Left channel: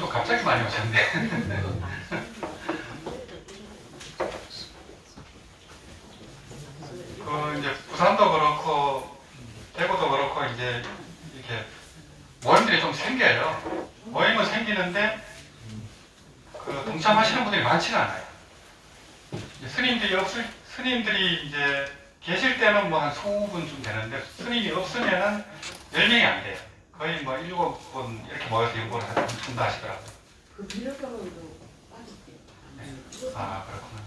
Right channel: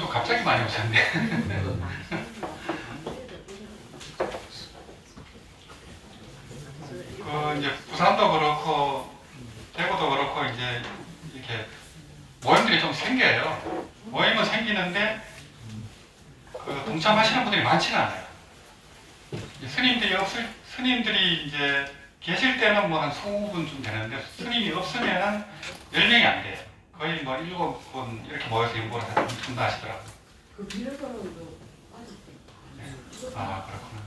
좀 갑자기 많이 오셨네. 이제 부산도 그렇고 대구도 그렇고 이제 이렇게 모임들이 좀 생겨요. 모임은 생기는데 그 동참하시는 분들이 많지는 않아요. 스님들이 이제 계실 때는 뭐 한 20분쯤 되는데 스님이 없으면은 10명이 안 돼요. 거의 뭐 7분 이렇게 모여서 연구를 한다 하시더라고요. 그 비례번호도 아, 그렇구나.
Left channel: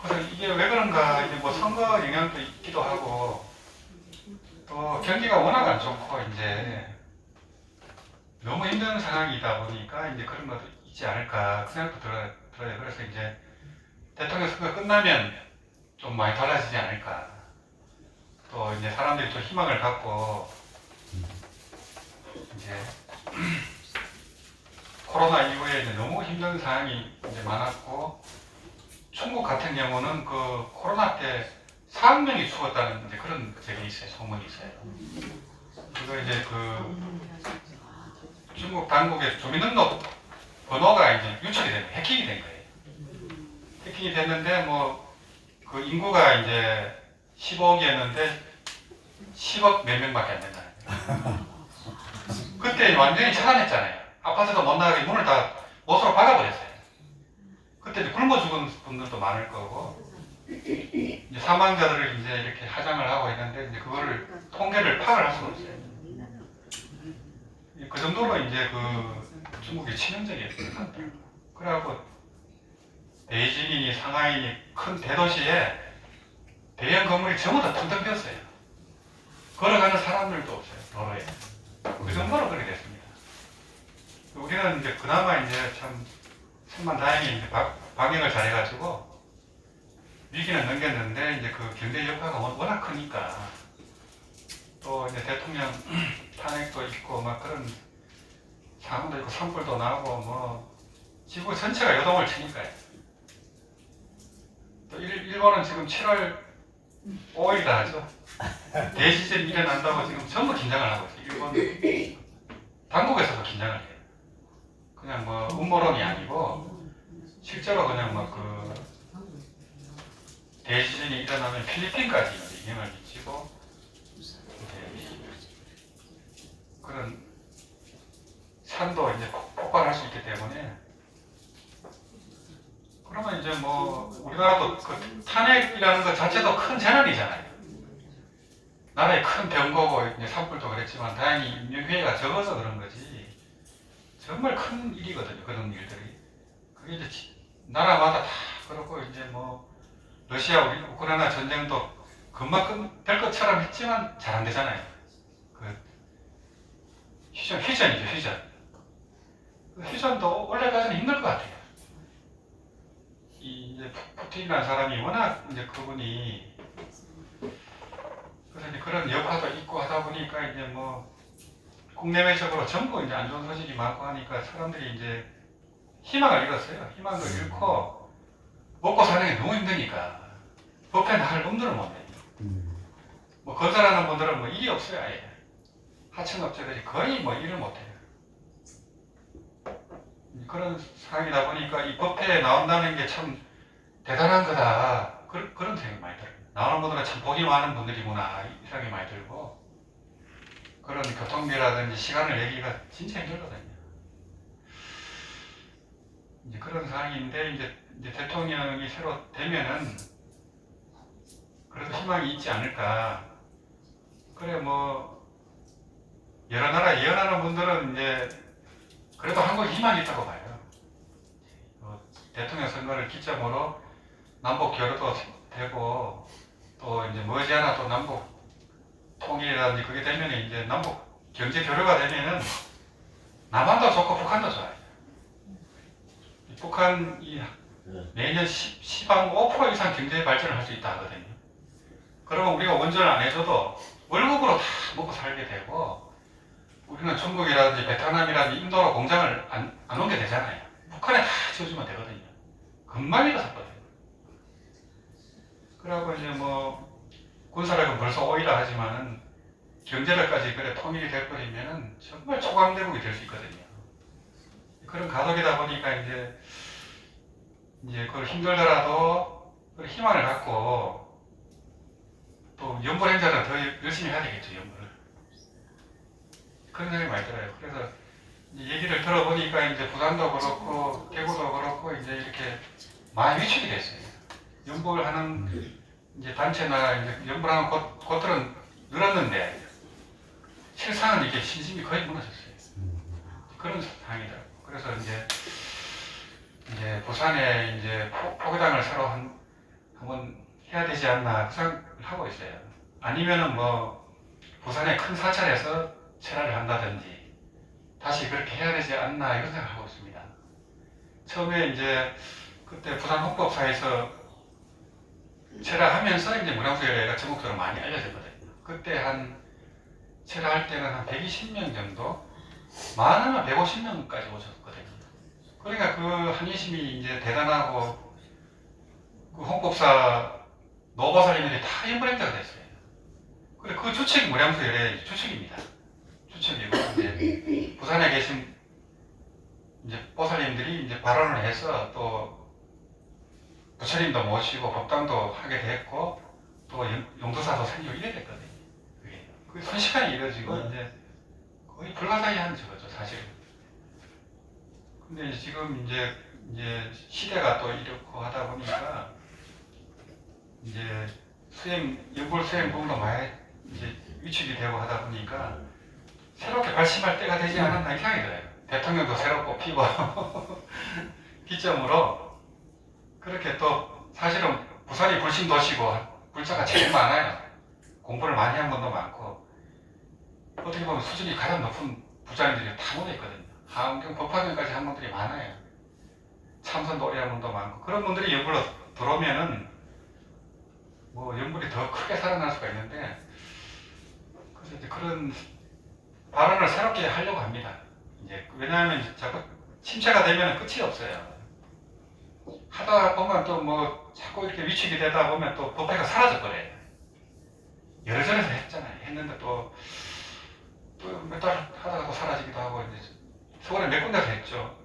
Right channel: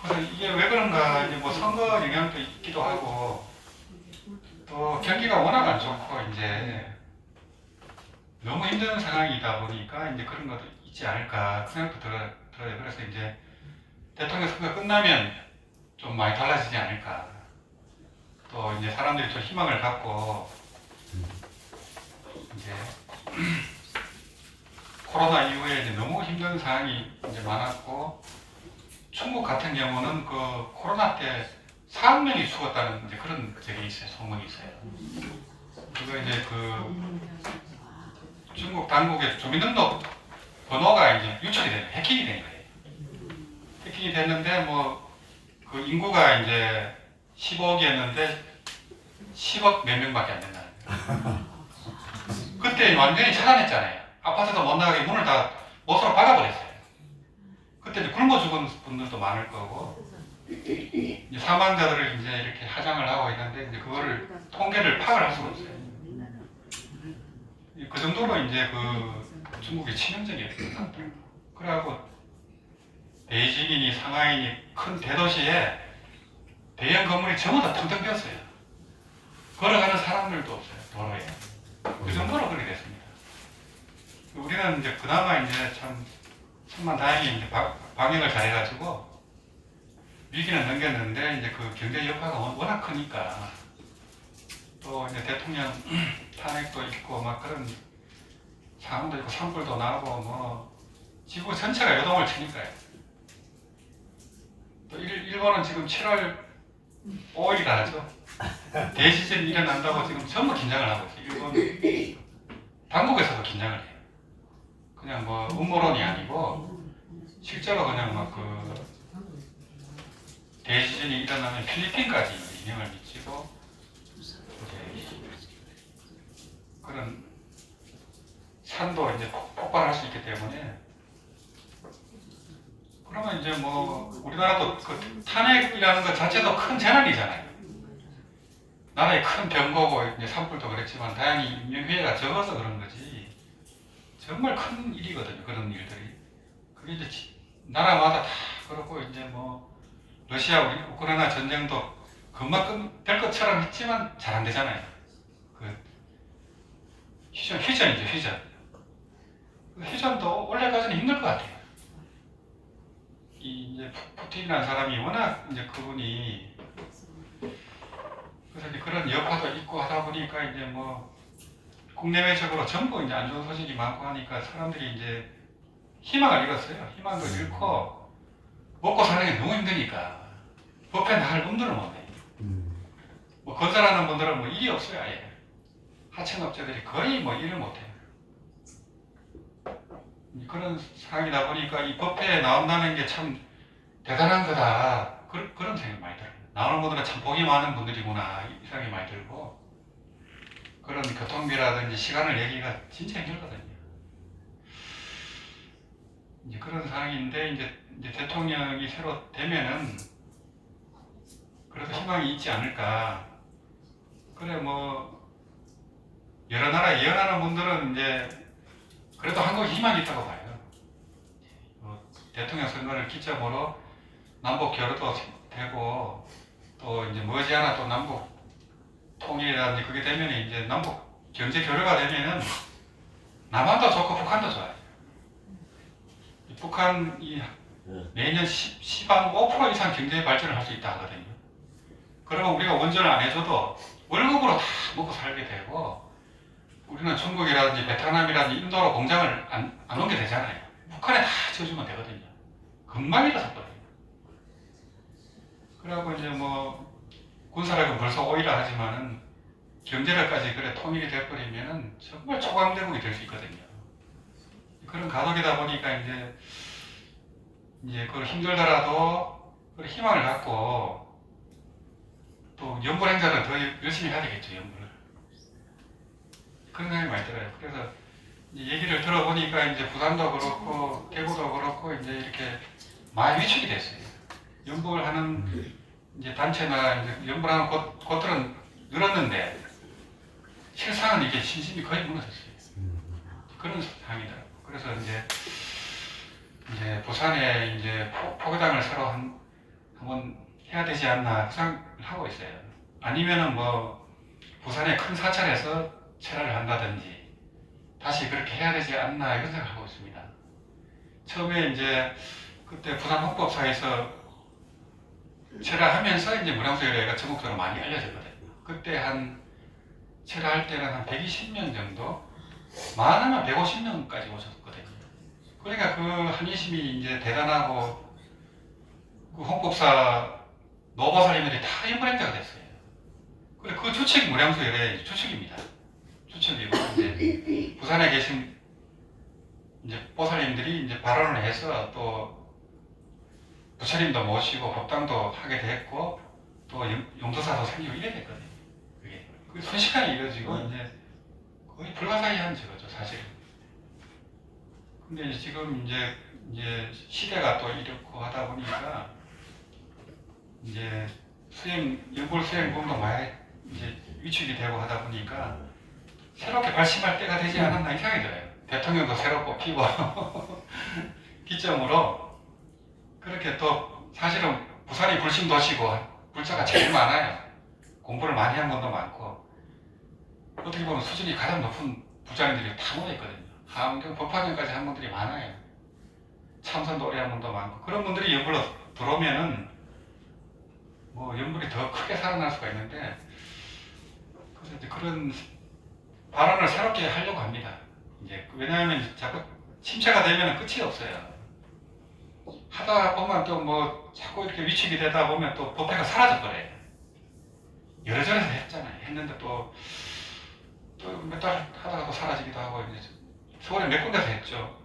그래서 이게 왜 그런가, 이제 뭐 선거 영향도 있기도 하고, 또 경기가 워낙 안 좋고, 이제 너무 힘든 상황이다 보니까 이제 그런 것도 있지 않을까, 그 생각도 들어요. 그래서 이제 대통령 선거 끝나면 좀 많이 달라지지 않을까. 또 이제 사람들이 좀 희망을 갖고, 이제 코로나 이후에 이제 너무 힘든 상황이 이제 많았고, 중국 같은 경우는 그 코로나 때 4억 명이 죽었다는 이제 그런 적이 있어요. 소문이 있어요. 그리고 이제 그 중국 당국의 주민등록 번호가 이제 유출이 된, 해킹이 된 거예요. 해킹이 됐는데 뭐 그 인구가 이제 15억이었는데 10억 몇 명밖에 안 된다는 거예요. 그때 완전히 차단했잖아요. 아파트도 못 나가게 문을 다 못으로 박아버렸어요. 그때 이제 굶어 죽은 분들도 많을 거고, 이제 사망자들을 이제 이렇게 하장을 하고 있는데, 이제 그거를 통계를 파악을 할 수가 없어요. 그 정도로 이제 그 중국이 치명적이었던 것 같아요. 그래갖고 베이징이니 상하이니 큰 대도시에 대형 건물이 전부 다 텅텅 비었어요. 걸어가는 사람들도 없어요, 도로에. 그 정도로 그렇게 됐습니다. 우리는 이제 그나마 이제 참 천만다행히 이제 방역을 잘해가지고 위기는 넘겼는데, 이제 그 경제 여파가 워낙 크니까, 또 이제 대통령 탄핵도 있고 막 그런 상황도 있고 산불도 나고 뭐 지구 전체가 요동을 치니까요. 또 일본은 지금 7월 5일이다 하죠. 대지진이 일어난다고 지금 전부 긴장을 하고 있어요. 일본 당국에서도 긴장을 해요. 그냥 뭐 음모론이 아니고 실제로 그냥 막 그 대지진이 일어나면 필리핀까지 영향을 미치고 이제 그런 산도 이제 폭발할 수 있기 때문에, 그러면 이제 뭐 우리나라도 그 탄핵이라는 것 자체도 큰 재난이잖아요. 나라의 큰 병거고 이제 산불도 그랬지만 다행히 인명피해가 적어서 그런 거지 정말 큰 일이거든요. 그런 일들이. 그게 이제 나라마다 다 그렇고, 이제 뭐 러시아 우크라이나 전쟁도 그만큼 될 것처럼 했지만 잘 안 되잖아요. 그 휴전이죠, 휴전. 휴전도 원래까지는 힘들 것 같아요. 이 이제 푸틴이라는 사람이 워낙 이제 그분이, 그래서 이제 그런 여파도 있고 하다 보니까 이제 뭐 국내외적으로 전부 이제 안 좋은 소식이 많고 하니까 사람들이 이제 희망을 잃었어요. 희망도 잃고 먹고 사는 게 너무 힘드니까 법에 나갈 놈들은 못 내요. 뭐 건설하는 분들은 뭐 일이 없어요, 아예. 하청업체들이 거의 뭐 일을 못 해요. 그런 상황이다 보니까 이 법회에 나온다는 게 참 대단한 거다. 그런 생각이 많이 들어요. 나오는 분들은 참 복이 많은 분들이구나, 이 생각이 많이 들고, 그런 교통비라든지 시간을 내기가 진짜 힘들거든요. 이제 그런 상황인데, 이제 대통령이 새로 되면은 그래도 희망이 있지 않을까. 그래 뭐 여러 나라 예언하는 분들은 이제 그래도 한국에 희망이 있다고 봐요. 대통령 선거를 기점으로 남북 교류도 되고, 또 이제 머지않아 또 남북 통일이라든지 그게 되면 이제 남북 경제 교류가 되면은 남한도 좋고 북한도 좋아요. 북한이 매년 15% 이상 경제 발전을 할 수 있다 하거든요. 그러면 우리가 원전을 안 해줘도 월급으로 다 먹고 살게 되고, 우리는 중국이라든지 베트남이라든지 인도로 공장을 안 오게 되잖아요. 북한에 다 지어주면 되거든요. 금방 일어섰거든요. 그러고 이제 뭐 군사력은 벌써 오이라 하지만은 경제력까지 그래 통일이 돼버리면은 정말 초강대국이 될 수 있거든요. 그런 가족이다 보니까 이제 그걸 힘들더라도 그 희망을 갖고 또 연불 행사는 더 열심히 해야 되겠죠, 연불을. 그런 생각이 많이 들어요. 그래서 이제 얘기를 들어보니까 이제 부산도 그렇고 대구도 그렇고 이제 이렇게 많이 위축이 됐어요. 연불하는 이제 단체나 이제 연불하는 곳들은 늘었는데 실상은 이게 신심이 거의 무너졌어요. 그런 상황이더라고요. 그래서 이제 부산에 이제 포교당을 새로 한번 해야 되지 않나 그 생각을 하고 있어요. 아니면은 뭐 부산의 큰 사찰에서 철화를 한다든지 다시 그렇게 해야 되지 않나 이런 생각을 하고 있습니다. 처음에 이제 그때 부산 헌법사에서 철화하면서 이제 문항수열애가 전국적으로 많이 알려졌거든요. 그때 철화할 때는 한 120명 정도, 많으면 150명까지 오셨거든요. 그러니까 그 한인심이 이제 대단하고 그 헌법사 노보살님들이 다 연불행자가 됐어요. 그래 그 주축이 문항수열애 주축입니다. 주축이고 이제 부산에 계신 이제 보살님들이 이제 발언을 해서 또 부처님도 모시고 법당도 하게 됐고 또 용서사도 생기고 이래 됐거든요. 그게 순식간에 이루어지고 이제 거의 불가사의한 저거죠 사실은. 근데 이제 지금 이제 시대가 또 이렇고 하다 보니까 이제 연불 수행 부분도 많이 이제 위축이 되고 하다 보니까 새롭게 발심할 때가 되지 않았나 이 생각이 들어요. 대통령도 새로 뽑히고 기점으로 그렇게 또 사실은 부산이 불신 도시고 불자가 제일 많아요. 공부를 많이 한 분도 많고 어떻게 보면 수준이 가장 높은 부자님들이 다 모여있거든요. 하원경 법화경까지 한 분들이 많아요. 참선도 오래 한 분도 많고 그런 분들이 연불로 들어오면은 뭐 연불이 더 크게 살아날 수가 있는데 그래서 이제 그런 발언을 새롭게 하려고 합니다. 이제 왜냐하면 자꾸 침체가 되면 끝이 없어요. 하다 보면 또 뭐 자꾸 이렇게 위축이 되다 보면 또 법회가 사라져버려요. 여러 전에서 했잖아요. 했는데 또 몇 달 하다가 또 사라지기도 하고 이제 서울에 몇 군데서 했죠.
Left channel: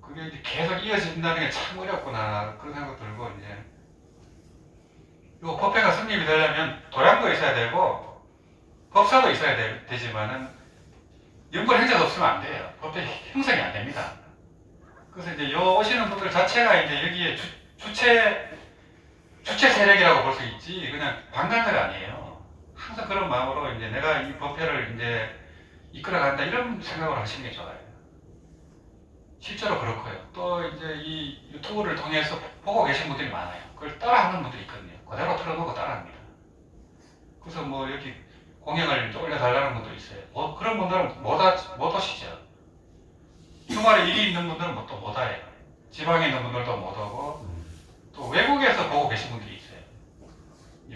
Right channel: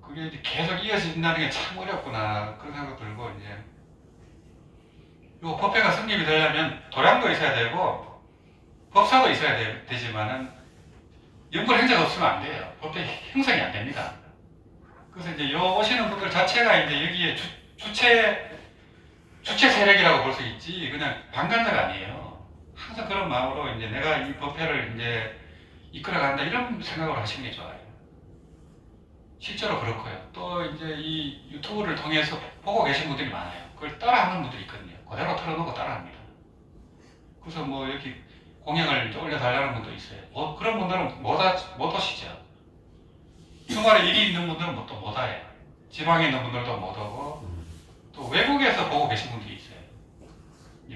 그게 이제 계속 이어진다는 게 참 어렵구나 그런 생각 들고 이제 요 법회가 성립이 되려면 도량도 있어야 되고 법사도 있어야 되지만은 연불 행자가 없으면 안 돼요. 법회 형성이 안 됩니다. 그래서 이제 요 오시는 분들 자체가 이제 여기에 주체 세력이라고 볼 수 있지 그냥 방관자가 아니에요. 항상 그런 마음으로 이제 내가 이 법회를 이제 이끌어간다 이런 생각을 하시는 게 좋아요. 실제로 그렇고요. 또 이제 이 유튜브를 통해서 보고 계신 분들이 많아요. 그걸 따라하는 분들이 있거든요. 그대로 틀어놓고 따라합니다. 그래서 뭐 여기 공약을 올려달라는 분도 있어요. 뭐 그런 분들은 못 오시죠. 주말에 일이 있는 분들은 또 못 와요. 지방에 있는 분들도 못 오고 또 외국에서 보고 계신 분들이 있어요.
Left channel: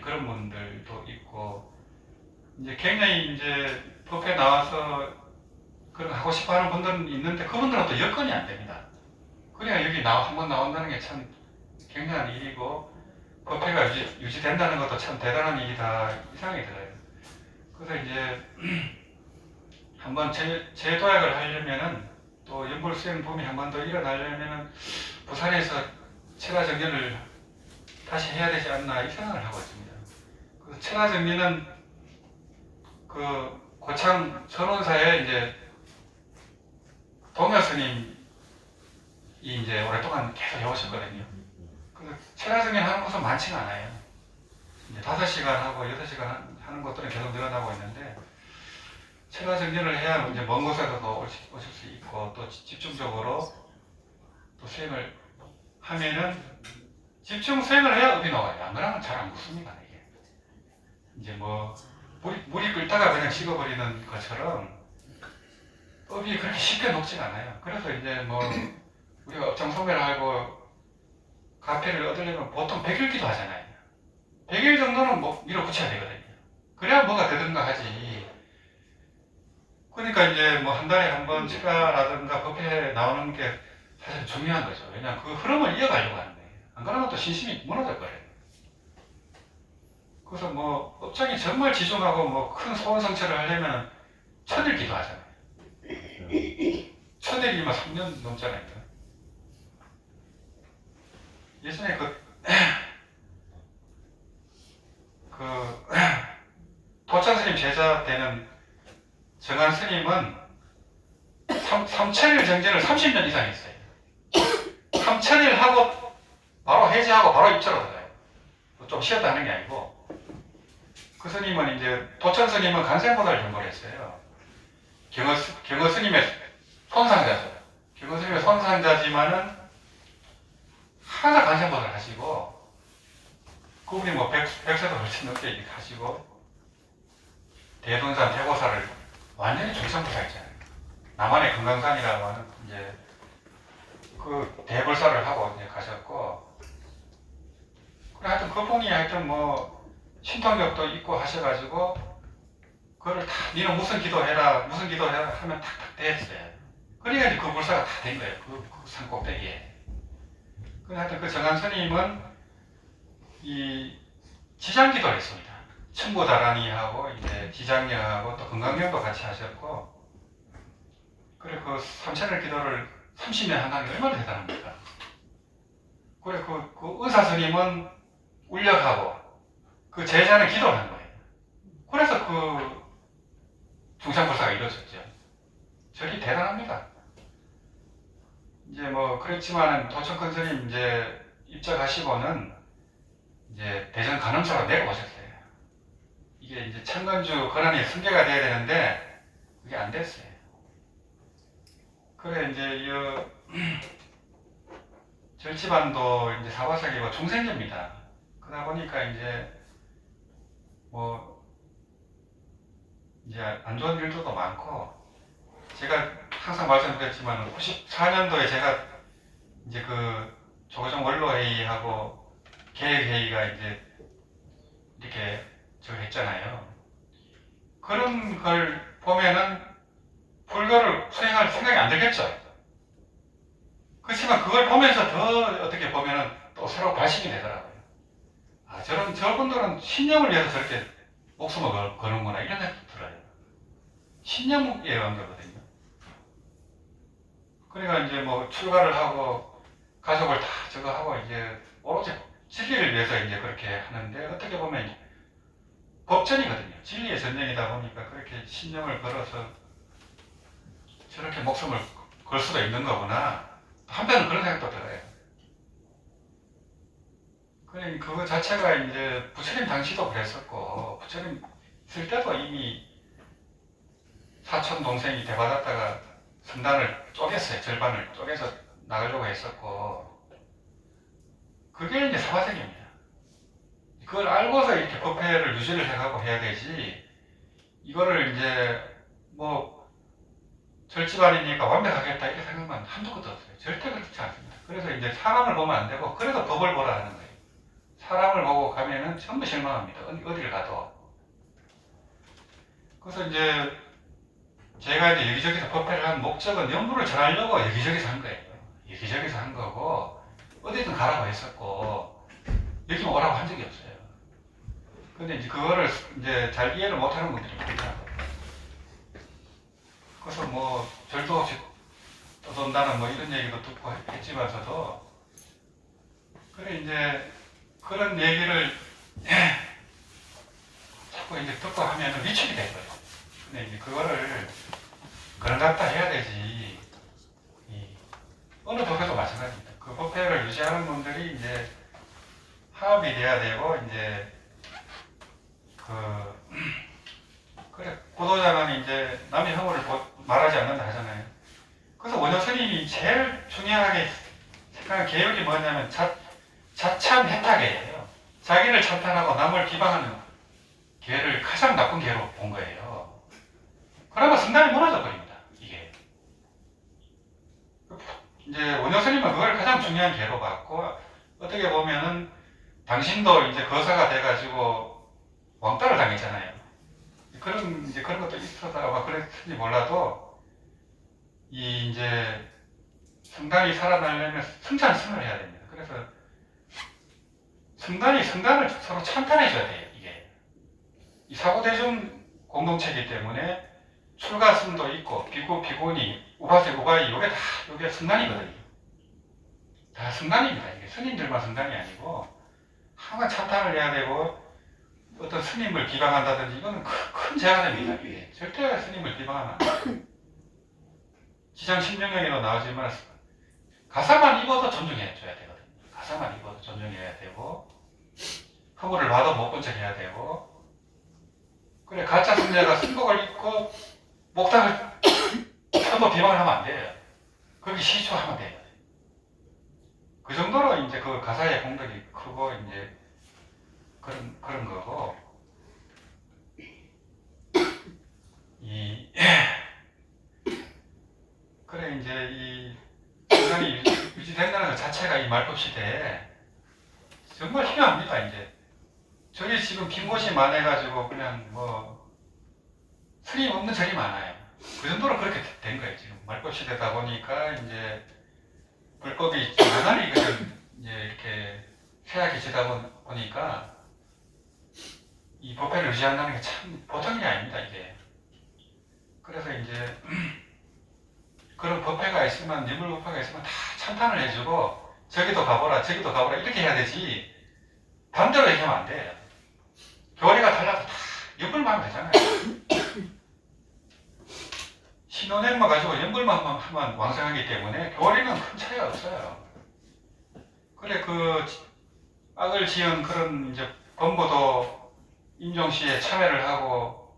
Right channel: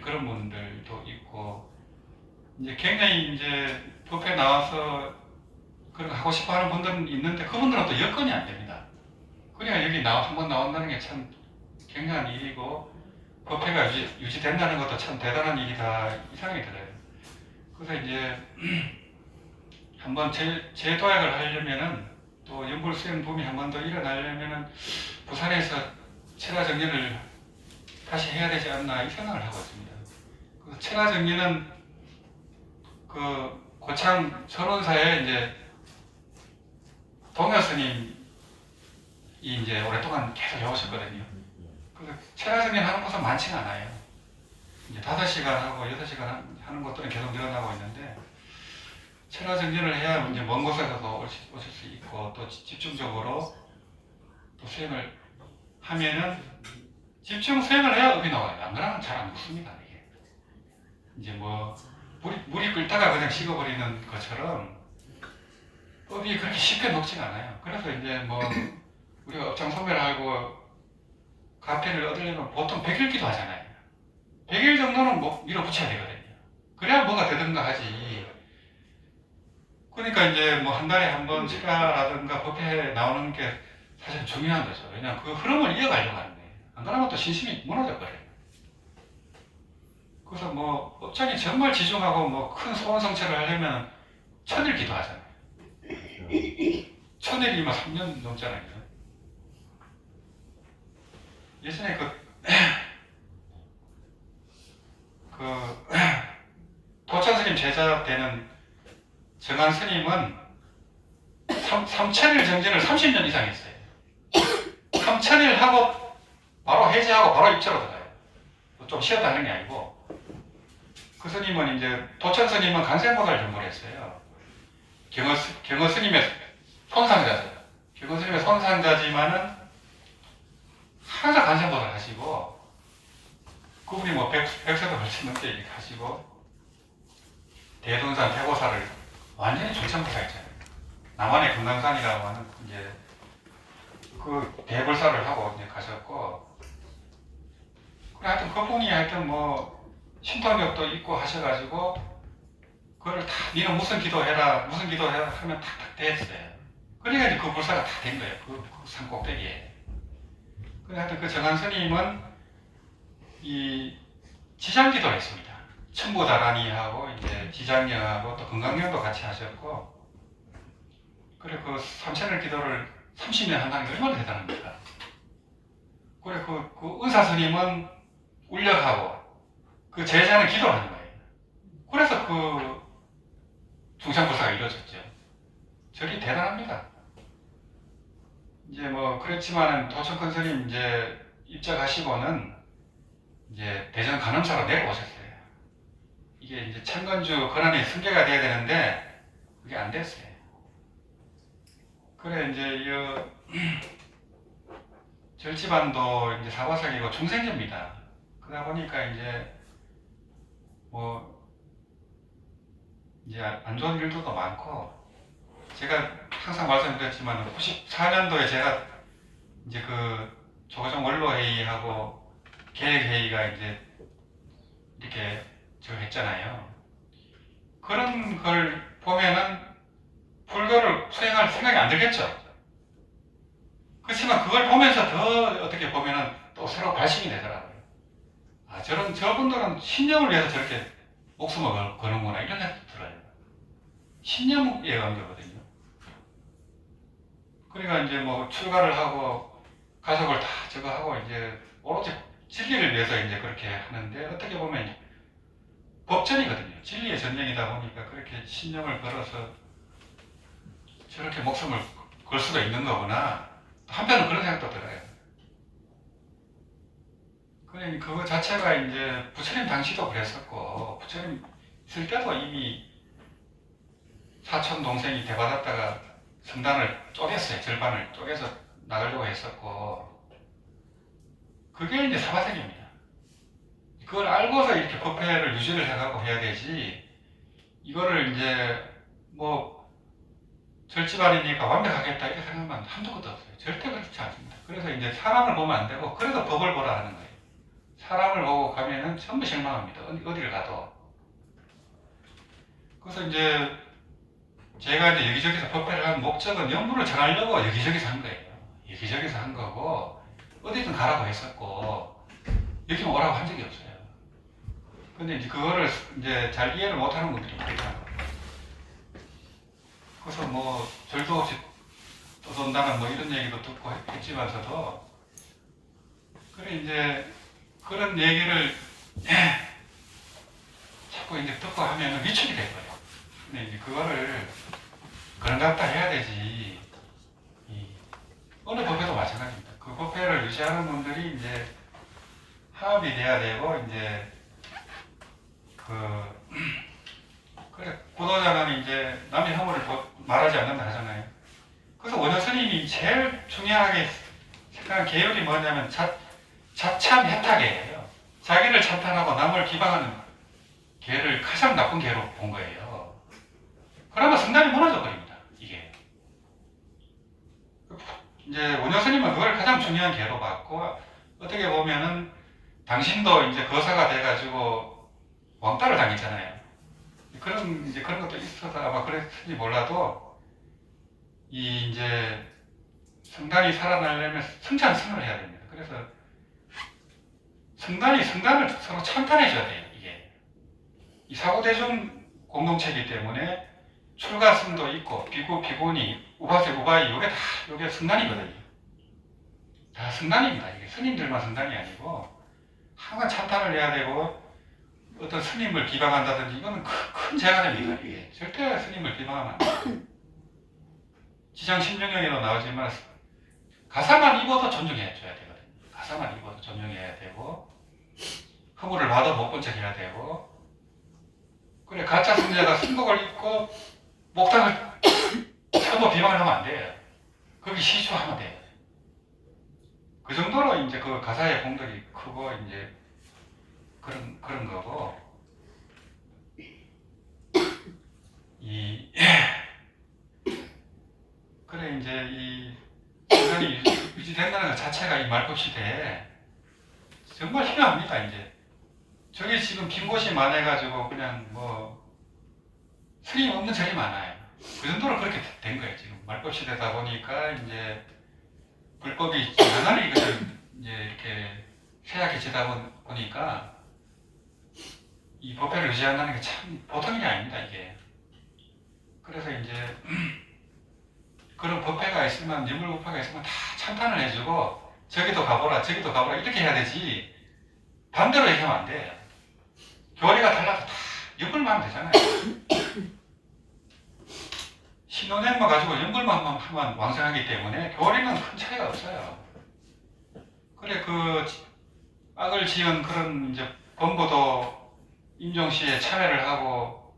그런 분들도 있고 이제 굉장히 이제 법회에 나와서 그런 거 하고 싶어 하는 분들은 있는데 그분들은 또 여건이 안 됩니다. 그러니까 여기 한번 나온다는 게 참 굉장한 일이고 법회가 유지된다는 것도 참 대단한 일이다 이 생각이 들어요. 그래서 이제 한번 재도약을 하려면은 또 연불 수행 붐이 한 번 더 일어나려면은 부산에서 철화정리를 다시 해야 되지 않나 이 생각을 하고 있습니다. 그래서 철화정리는 그 고창 선원사에 이제 동효스님이 이제 오랫동안 계속 해오셨거든요. 그래서 철화정리를 하는 곳은 많지가 않아요. 이제 5시간 하고 6시간 하는 것들은 계속 늘어나고 있는데 철화정리를 해야 이제 먼 곳에서도 오실 수 있고 또 집중적으로 또 수행을 하면은 집중 수행을 해야 업이 나와요. 안 그러면 잘 안 붙습니다. 이게 이제 뭐 물이 끓다가 그냥 식어버리는 것처럼 업이 그렇게 쉽게 녹지가 않아요. 그래서 이제 뭐 우리가 업장 소멸을 하고 가패를 얻으려면 보통 100일 기도하잖아요. 100일 정도는 뭐 밀어붙여야 되거든요. 그래야 뭔가 되든가 하지. 그러니까 이제 뭐 한 달에 한 번 철화라든가 법회에 나오는 게 사실 중요한 거죠. 왜냐하면 그 흐름을 이어가려고 하는데 안 그러면 또 신심이 무너져 버려요. 그래서 뭐 업장이 정말 지중하고 뭐 큰 소원 성취를 하려면 천일 기도하잖아요. 일이 뭐 3년 넘잖아요. 예전에 도창 스님 제자 되는 정한 스님은 삼천일 정진을 30년 이상 했어요. 삼천일 하고 바로 해제하고 바로 입자로 들어가요. 좀 쉬었다 하는 게 아니고. 그 스님은 이제 도창 스님은 간센보살을 전보했어요. 경어 스님의 손상자죠. 경어 스님의 손상자지만은 항상 간센보살 하시고, 그분이 뭐 100세도 훨씬 넘게 이렇게 하시고, 대둔산 대보살을 완전히 중생보살했잖아요. 남한의 금강산이라고 하는 이제 그 대불사를 하고 이제 가셨고, 하여튼 그분이 하여튼 뭐 신통력도 있고 하셔가지고 그거를 다 니는 무슨 기도해라 하면 탁탁 됐어요. 그러니까 이제 그 불사가 다 된 거예요. 그 산 꼭대기에. 그래서 하여튼 그 정한 스님은 이 지장기도를 했습니다. 천부다라니하고 이제 지장령하고 또 건강령도 같이 하셨고, 그래 그 삼천을 기도를 30년 한다는 게 얼마나 대단합니까? 그래 그 의사 스님은 울력하고 그 제자는 기도를 하는 거예요. 그래서 그 중상불사가 이루어졌죠. 저리 대단합니다. 이제 뭐 그렇지만은 도청큰 스님 이제 입적하시고는 이제 대전 간음사로 내려오셨어요. 이게 이제 천건주 권한이 승계가 돼야 되는데 그게 안 됐어요. 그래 이제 절지반도 이제 사바삭이고 중생제입니다. 그러다 보니까 이제 뭐 이제 안 좋은 일들도 많고, 제가 항상 말씀드렸지만 94년도에 제가 이제 그 조정 원로회의하고 계획회의가 이제 이렇게 저걸 했잖아요. 그런 걸 보면은 불교를 수행할 생각이 안 들겠죠. 그렇지만 그걸 보면서 더 어떻게 보면은 또 새로 발심이 되더라고요. 아, 저분들은 신념을 위해서 저렇게 목숨을 거는구나, 이런 생각이 들어요. 신념에 의한 거거든요. 그러니까 이제 뭐 출가를 하고 가족을 다 저거 하고 이제 오로지 진리를 위해서 이제 그렇게 하는데, 어떻게 보면 법전이거든요. 진리의 전쟁이다 보니까 그렇게 신념을 걸어서 저렇게 목숨을 걸 수도 있는 거구나. 한편은 그런 생각도 들어요. 그러니까 그거 자체가 이제 부처님 당시도 그랬었고, 부처님 있을 때도 이미 사촌 동생이 대받았다가 성단을 쪼갰어요. 절반을 쪼개서 나가려고 했었고, 그게 이제 사바세계입니다. 그걸 알고서 이렇게 법회를 유지를 해가고 해야 되지, 이거를 이제 뭐 절집안이니까 완벽하겠다 이렇게 생각하면 한도 끝도 없어요. 절대 그렇지 않습니다. 그래서 이제 사람을 보면 안 되고, 그래서 법을 보라 하는 거예요. 사람을 보고 가면은 전부 실망합니다. 어디를 가도. 그래서 이제 제가 이제 여기저기서 법회를 한 목적은 영부를 전하려고 여기저기서 한 거예요. 여기저기서 한 거고, 어디든 가라고 했었고, 여기만 오라고 한 적이 없어요. 근데 이제 그거를 이제 잘 이해를 못하는 분들이 많다. 그래서 뭐 절도 없이 떠돈다는 뭐 이런 얘기도 듣고 했지만서도, 그래 이제 그런 얘기를 자꾸 이제 듣고 하면은 위축이 될 거예요. 근데 이제 그거를 그런답다 해야 되지. 어느 법회도 마찬가지입니다. 그 법회를 유지하는 분들이 이제 화합이 돼야 되고, 이제 그래 구도자는 이제 남의 허물을 말하지 않는다 하잖아요. 그래서 원효 스님이 제일 중요하게 생각한 계율이 뭐냐면 자찬 해탁이에요. 자기를 찬탄하고 남을 비방하는 계를 가장 나쁜 계로 본 거예요. 그러면 성단이 무너져 버립니다. 이게 이제 원효 스님은 그걸 가장 중요한 계로 봤고, 어떻게 보면은 당신도 이제 거사가 돼가지고 왕따를 당했잖아요. 그런 것도 있어서 아마 그랬을지 몰라도, 이제 성단이 살아나려면 성찬승을 해야 됩니다. 그래서 성단을 서로 찬탄해줘야 돼요. 이게 이 사고대중 공동체이기 때문에 출가승도 있고 비구, 비구니, 우바세, 우바이 요게 승단이거든요. 다 승단입니다. 이게 스님들만 승단이 아니고 항상 찬탄을 해야 되고 어떤 스님을 비방한다든지 이거는 큰 죄가 됩니다. 이게 절대 스님을 비방하면 안 돼요. 지장 심정령에도 나오지만 가사만 입어도 존중해줘야 되거든요. 가사만 입어도 존중해야 되고 허물을 봐도 못 본 척 해야 되고 그래 가짜 승자가 승복을 입고 목탁을 서로 비방을 하면 안 돼요. 거기 시주하면 돼요. 그 정도로 이제 그 가사의 공덕이 크고 이제 그런 거고 그래 이제 이 인간이 유지된다는 것 자체가 이 말법 시대에 정말 필요합니다. 이제 저기 지금 빈 곳이 많아가지고 그냥 뭐 스님 없는 절이 많아요. 그 정도로 그렇게 된 거예요. 지금 말법 시대다 보니까 이제 불법이 여전히 그냥 이제 이렇게 쇠약해지다 보니까 이 법회를 유지한다는 게 참 보통 일이 아닙니다. 이게 그래서 이제 그런 법회가 있으면 유물법회가 있으면 다 찬탄을 해주고 저기도 가보라 저기도 가보라 이렇게 해야 되지 반대로 얘기하면 안 돼요. 교리가 달라도 다 연불만 하면 되잖아요. 신혼행만 가지고 연불만 하면 왕성하기 때문에 교리는 큰 차이가 없어요. 그래 그 악을 지은 그런 이제 범보도 임종시에 참여를 하고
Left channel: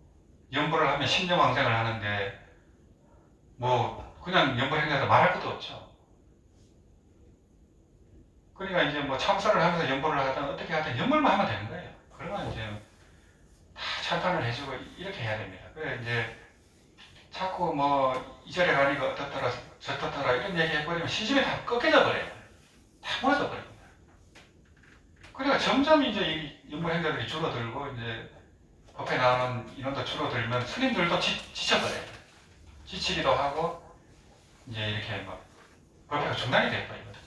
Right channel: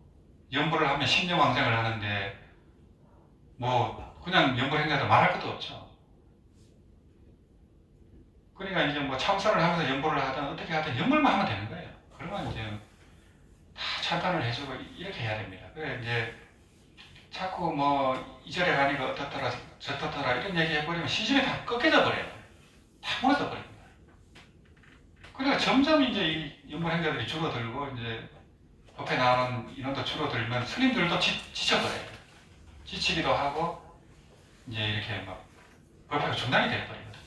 연불을 하면 신념왕생을 하는데 뭐 그냥 연불행사도 말할 것도 없죠. 그러니까 이제 뭐 참선을 하면서 연불을 하든 어떻게 하든 연불만 하면 되는 거예요. 그러면 이제 다 찬탄을 해주고 이렇게 해야 됩니다. 그래 이제 자꾸 뭐 이절에 가니까 어떻더라 저떻더라 이런 얘기 해버리면 시집이 다 꺾여져 버려요. 다 무너져 버립니다. 그러니까 점점 이제 이 연불행자들이 줄어들고 이제 법회 나오는 인원도 줄어들면 스님들도 지쳐버려요. 지치기도 하고 이제 이렇게 막 법회가 중단이 돼버리거든요.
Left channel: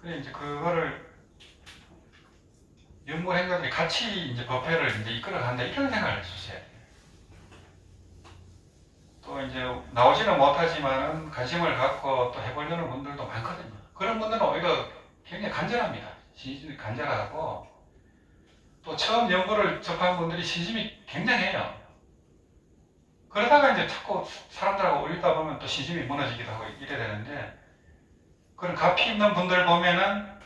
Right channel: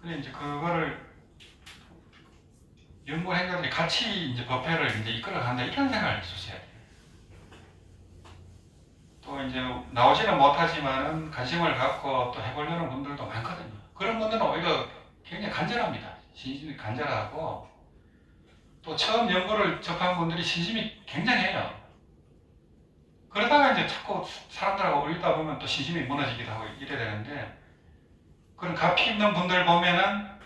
그래 이제 그거를 연불행자들이 같이 이제 법회를 이제 이끌어간다 이런 생각을 해주셔야 돼요. 또 이제 나오지는 못하지만은 관심을 갖고 또 해보려는 분들도 많거든요. 그런 분들은 오히려 굉장히 간절합니다. 신심이 간절하고 또 처음 연구를 접한 분들이 신심이 굉장해요. 그러다가 이제 자꾸 사람들하고 어울리다 보면 또 신심이 무너지기도 하고 이래야 되는데 그런 가피 있는 분들 보면은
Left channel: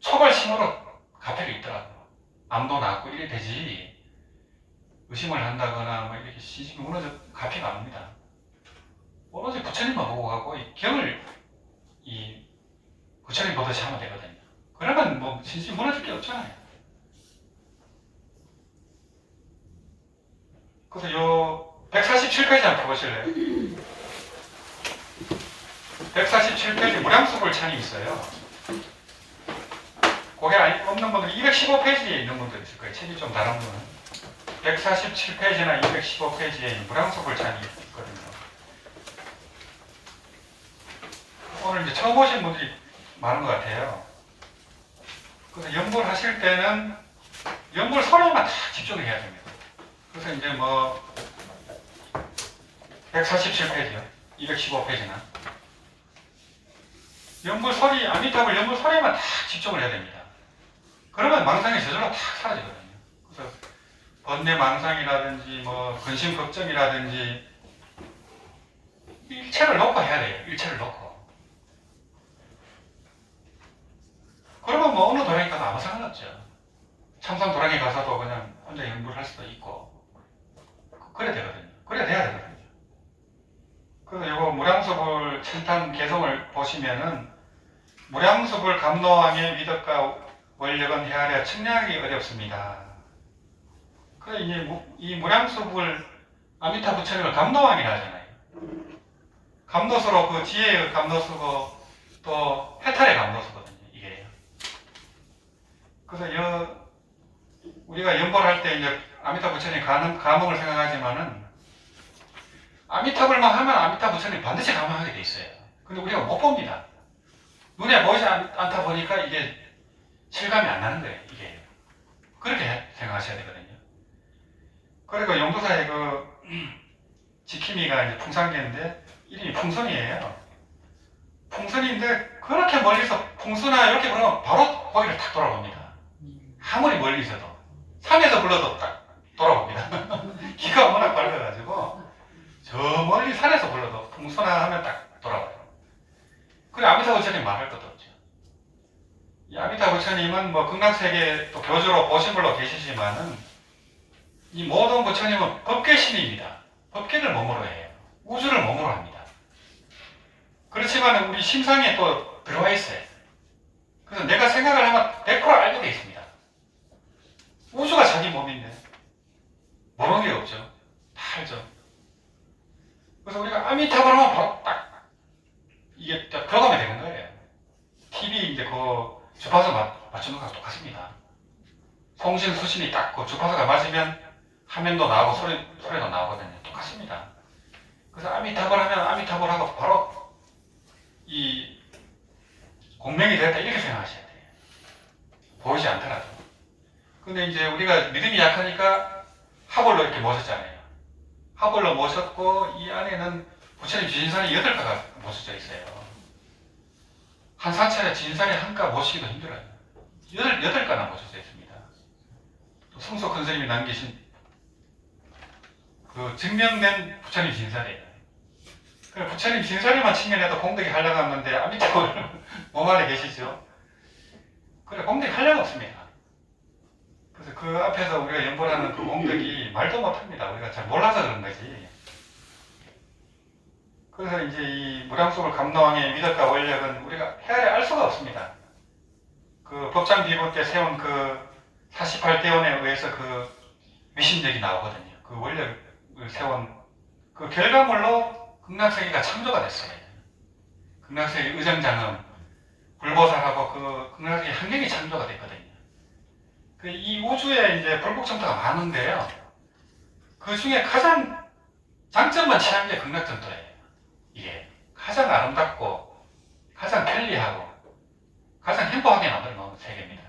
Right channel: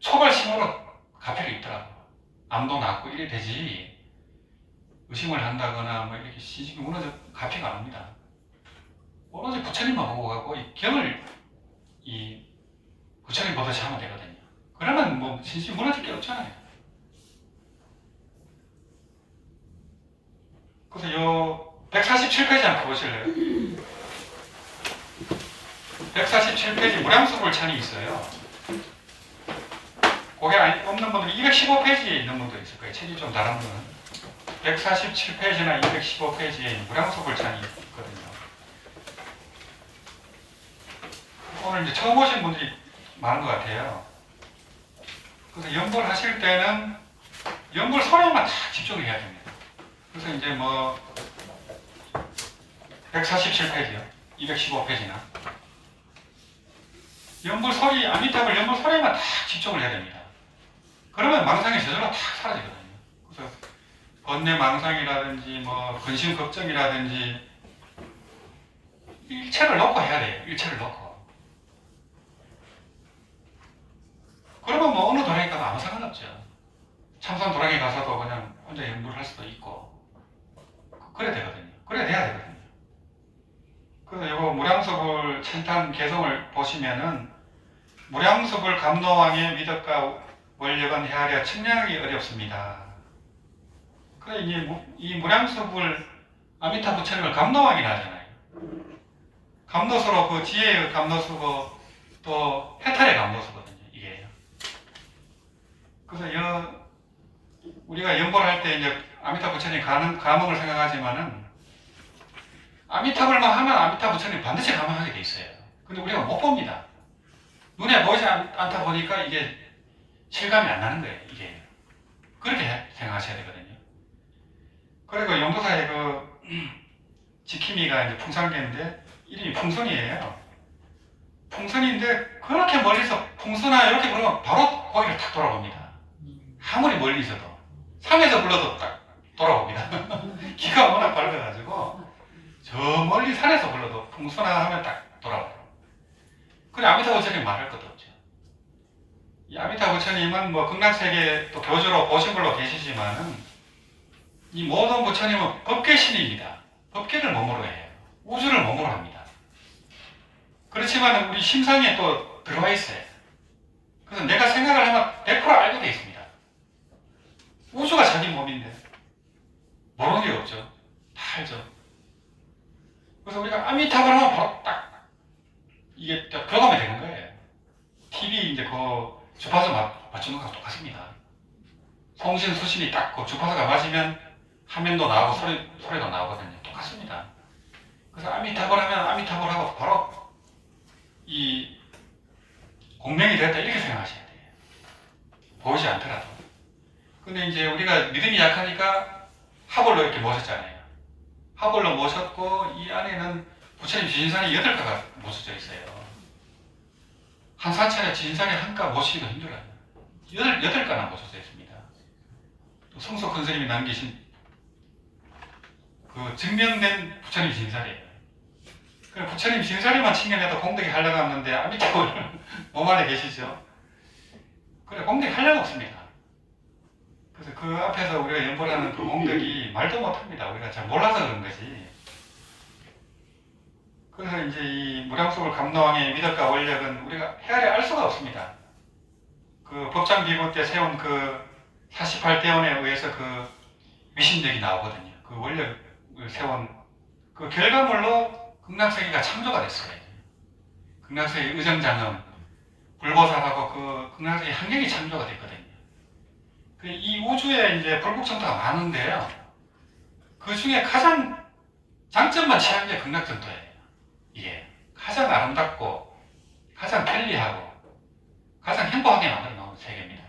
초발심으로 가피를 입더라고요. 암도 낫고 이래 되지 의심을 한다거나 뭐 이렇게 신심이 무너져 가피가 안 옵니다. 오로지 부처님만 보고 가고 이 경을 이 부처님 보듯이 하면 되거든요. 그러면 뭐 신심이 무너질 게 없잖아요. 그래서 요 147페이지 한번 펴보실래요? 147페이지 무량수불 찬이 있어요. 그게 없는 분들 215페이지에 있는 분들 있을 거예요. 책이 좀 다른 분은 147페이지나 215페이지에 무량수불 찬이 있거든요. 오늘 이제 처음 오신 분들이 많은 것 같아요. 그래서 연불 하실 때는 연불 소리만 다 집중을 해야 됩니다. 그래서 이제 뭐 147페이지요. 215페이지나 연불 소리, 아미타불 연불 소리만 다 집중을 해야 됩니다. 그러면 망상이 저절로 다 사라지거든요. 그래서 번뇌 망상이라든지 뭐 근심 걱정이라든지 일체를 놓고 해야 돼요. 일체를 놓고. 그러면 뭐 어느 도량에 가도 아무 상관없죠. 참선 도량에 가서도 그냥 혼자 연불을 할 수도 있고 그래야 되거든요. 그래야 돼야 되거든요. 그래서 요거 무량수불 찬탄 개성을 보시면은 무량수불 감노왕의 위덕과 원력은 헤아려 측량하기 어렵습니다. 그래 이 무량수불 아미타 부처님을 감노왕이라 하잖아요. 감노수로 그 지혜의 감노수고 또 해탈의 감노수거든요. 이게. 그래서 우리가 연보할 때 이제 아미타 부처님 감흥을 생각하지만은 아미타불만 하면 아미타 부처님 반드시 감흥하게 돼 있어요. 근데 우리가 못 봅니다. 눈에 보이지 않다 보니까 이게 실감이 안 나는 거예요. 이게 그렇게 생각하셔야 되거든요. 그리고 용도사의 그 지킴이가 이제 풍산개인데 이름이 풍선이에요. 풍선인데 그렇게 멀리서 풍선아 이렇게 부르면 바로 거기를 탁 돌아봅니다. 아무리 멀리 있어도 산에서 불러도 딱 돌아봅니다. 기가 워낙 빨라가지고 저 멀리 산에서 불러도 풍선아 하면 딱 돌아와요. 그래 아미타부 부처님 말할 것도 없죠. 이 아미타부 부처님은 뭐 극락세계 또 교주로 보시물로 계시지만은 이 모든 부처님은 법계신입니다. 법계를 몸으로 해요. 우주를 몸으로 합니다. 그렇지만 우리 심상에 또 들어와 있어요. 그래서 내가 생각을 하면 100% 알게 돼 있습니다. 우주가 자기 몸인데 모르는 게 없죠. 다 알죠. 그래서 우리가 아미타불 하면 바로 딱 이게 딱 들어가면 되는 거예요. TV 이제 그 주파수 맞추는 거랑 똑같습니다. 송신 수신이 딱 그 주파수가 맞으면 화면도 나오고 소리도 나오거든요. 똑같습니다. 그래서 아미타불 하면 아미타불 하고 바로 이 공명이 됐다 이렇게 생각하셔야 돼요. 보이지 않더라도. 근데 이제 우리가 믿음이 약하니까 하벌로 이렇게 모셨잖아요. 하벌로 모셨고 이 안에는 부처님 지신산이 8가가 모셔져 있어요. 한 사찰에 지신산이 한가 모시기도 힘들어요. 8가나 모셔져 있습니다. 또 성소 큰 스님이 남기신 그 증명된 부처님 지신산이에요. 그래 부처님 지신산에만 칭견해도 공덕이 한량 없는데 아미타불 몸 안에 계시죠? 그래 공덕이 한량 없습니다. 그래서 그 앞에서 우리가 연보라는 그 공덕이 말도 못합니다. 우리가 잘 몰라서 그런 거지. 그래서 이제 이 무량수불 감로왕의 위덕과 원력은 우리가 헤아려 알 수가 없습니다. 그 법장 비고 때 세운 그 48대원에 의해서 그 위신력이 나오거든요. 그 원력을 세운 그 결과물로 극락세계가 창조가 됐어요. 극락세계 의정장엄, 불보살하고 그 극락세계 환경이 창조가 됐거든요. 이 우주에 이제 불국정토가 많은데요. 그 중에 가장 장점만 취한 게 극락정토예요. 이게 가장 아름답고 가장 편리하고 가장 행복하게 만들어 놓은 세계입니다.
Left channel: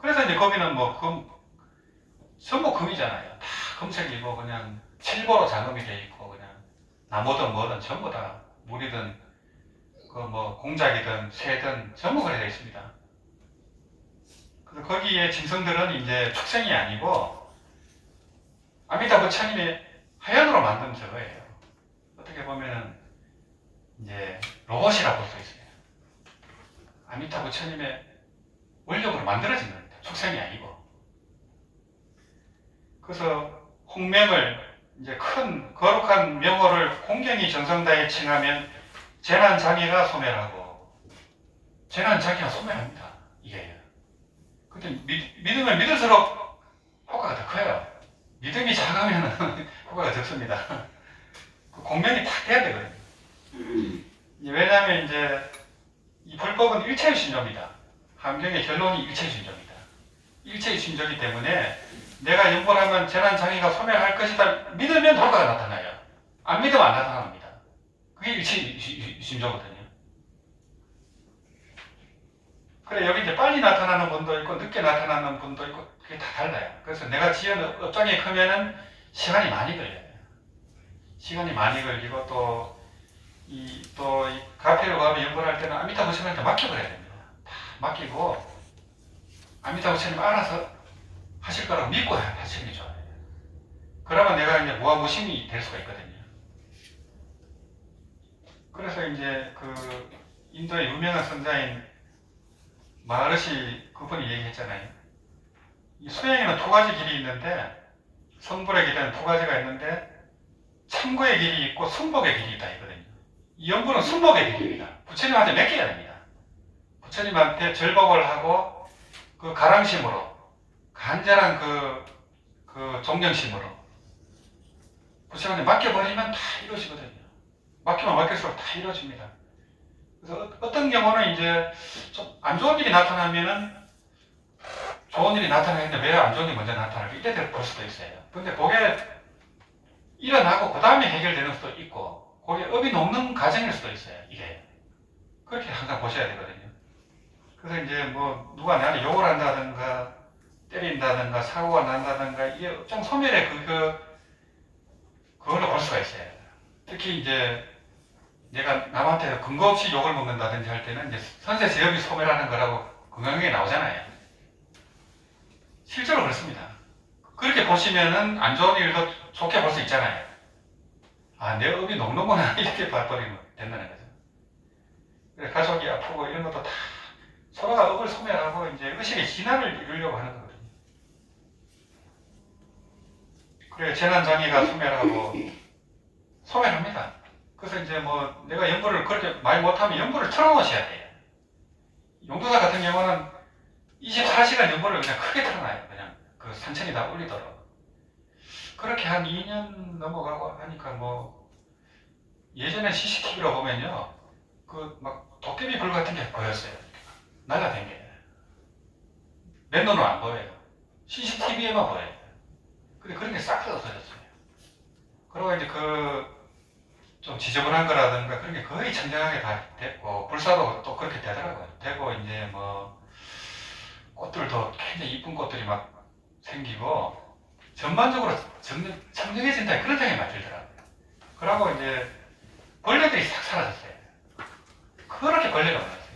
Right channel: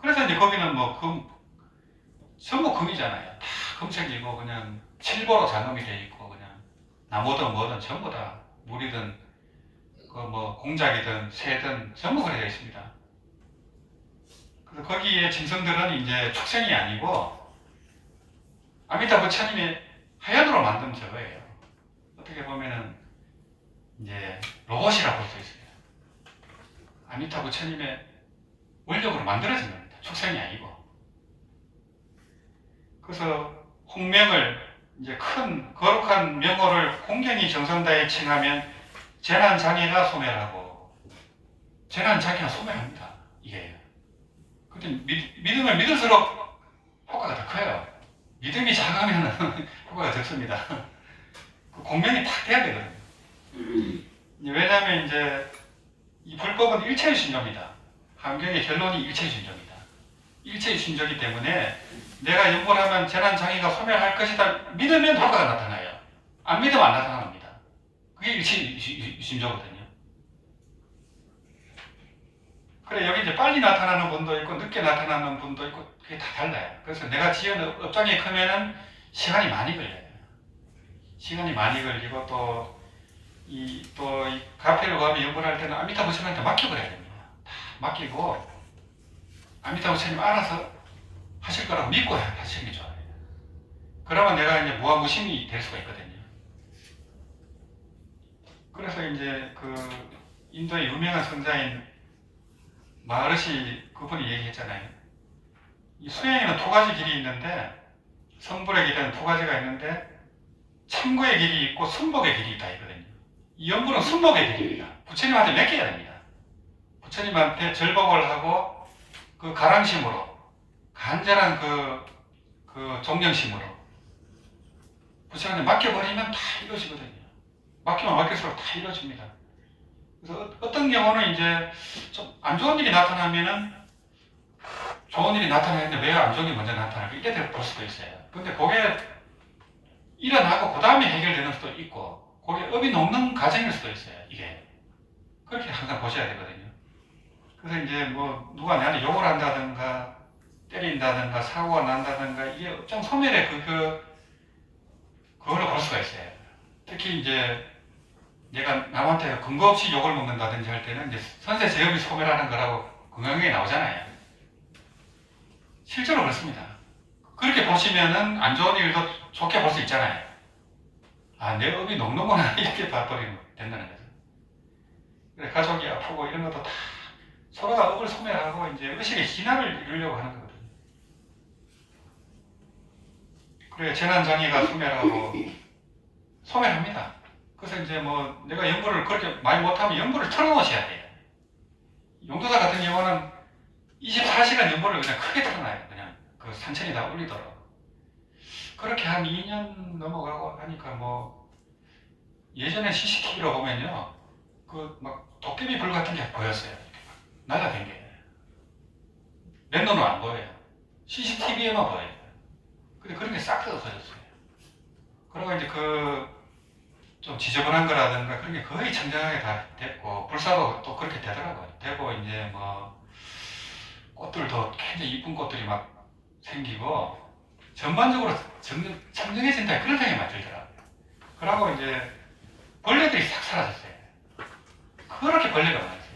그래서 이제 거기는 뭐 전부 금이잖아요. 다 금색이고 그냥 칠보로 장엄이 돼 있고 그냥 나무든 뭐든 전부 다 물이든 그 뭐 공작이든 새든 전부 그래져 있습니다. 그래서 거기에 짐승들은 이제 축생이 아니고 아미타불 부처님의 하연으로 만든 저거예요. 어떻게 보면은 이제 로봇이라 볼 수 있어요. 아미타불 부처님의 원력으로 만들어진 겁니다. 축생이 아니고. 그래서 홍명을 이제 큰 거룩한 명호를 공경이 정성다에 칭하면 재난장애가 소멸하고 재난장애가 소멸합니다. 이게. 근데 믿으면 믿을수록 효과가 더 커요. 믿음이 작으면 효과가 적습니다. 그 공명이 딱 돼야 되거든요. 왜냐하면 이제 이 불법은 일체의 신조입니다. 함경의 결론이 일체의 신조입니다. 일체의 신조이기 때문에 내가 연보하면 재난장애가 소멸할 것이다 믿으면 효과가 나타나요. 안 믿으면 안 나타납니다. 그게 일체의 신조거든요. 그래 여기 이제 빨리 나타나는 분도 있고 늦게 나타나는 분도 있고 그게 다 달라요. 그래서 내가 지은 업장이 크면은 시간이 많이 걸려요. 시간이 많이 걸리고 또 이 가피를 구하면 연구를 할 때는 아미타불 부처님한테 맡겨버려야 됩니다. 다 맡기고 아미타불 부처님 알아서 하실 거라고 믿고 하시는 게 좋아요. 그러면 내가 이제 무아무심이 될 수가 있거든요. 그래서 이제 그 인도의 유명한 선자인 마하르시 그분이 얘기했잖아요. 이 수행에는 2가지 길이 있는데 성불의 길에는 2가지가 있는데 참고의 길이 있고 순복의 길이 있다 있거든요. 이 연불은 순복의 길입니다. 부처님한테 맡겨야 됩니다. 부처님한테 절복을 하고 그 가랑심으로 간절한 그 존경심으로 부처님한테 맡겨버리면 다 이루어지거든요. 맡기면 맡길수록 다 이루어집니다. 그래서 어떤 경우는 이제 좀 안 좋은 일이 나타나면은 좋은 일이 나타나는데 왜 안 좋은 일이 먼저 나타날까 이때 볼 수도 있어요. 근데 그게 일어나고 그 다음에 해결되는 수도 있고 그게 업이 녹는 과정일 수도 있어요. 이게 그렇게 항상 보셔야 되거든요. 그래서 이제 뭐 누가 나한테 욕을 한다든가 때린다든가 사고가 난다든가 이게 업장 소멸의 그걸로 볼 수가 있어요. 특히 이제 내가 남한테 근거 없이 욕을 먹는다든지 할 때는 이제 선세 제협이 소멸하는 거라고 건강하게 나오잖아요. 실제로 그렇습니다. 그렇게 보시면은 안 좋은 일도 좋게 볼 수 있잖아요. 아, 내 업이 녹는구나 이렇게 봐버리면 된다는 거죠. 그래, 가족이 아프고 이런 것도 다 서로가 업을 소멸하고 이제 의식의 진화를 이루려고 하는 거거든요. 그래, 재난장애가 소멸합니다. 그래서 이제 뭐 내가 연불을 그렇게 말 못하면 연불을 틀어놓으셔야 돼요. 용도사 같은 경우는 24시간 연불을 그냥 크게 틀어놔요. 그냥 그 산천이 다 울리도록. 그렇게 한 2년 넘어가고 하니까 뭐 예전에 CCTV로 보면요, 그 막 도깨비 불 같은 게 보였어요. 날라댄 게. 맨눈으로 안 보여요. CCTV에만 보여요. 근데 그런 게 싹 다 없어졌어요. 그리고 이제 그 좀 지저분한 거라든가 그런 게 거의 청정하게 다 됐고, 불사도 또 그렇게 되더라고요. 되고 이제 뭐 꽃들도 굉장히 이쁜 꽃들이 막 생기고 전반적으로 청정해진다 그런 생각이 많이 들더라고요. 그러고 이제 벌레들이 싹 사라졌어요. 그렇게 벌레가 많았어요.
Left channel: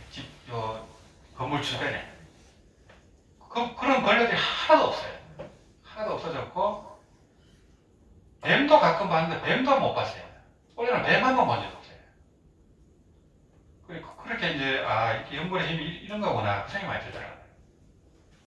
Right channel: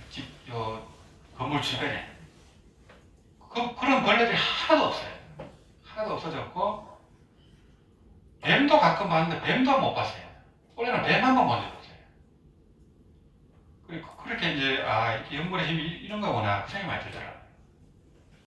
요 건물 주변에. 그런 벌레들이 하나도 없어요. 하나도 없어졌고, 뱀도 가끔 봤는데 뱀도 못 봤어요. 원래는 뱀 한 번 본 적 없어요. 그렇게 이제, 아, 연불의 힘이 이런 거구나, 그 생각이 많이 들더라고요.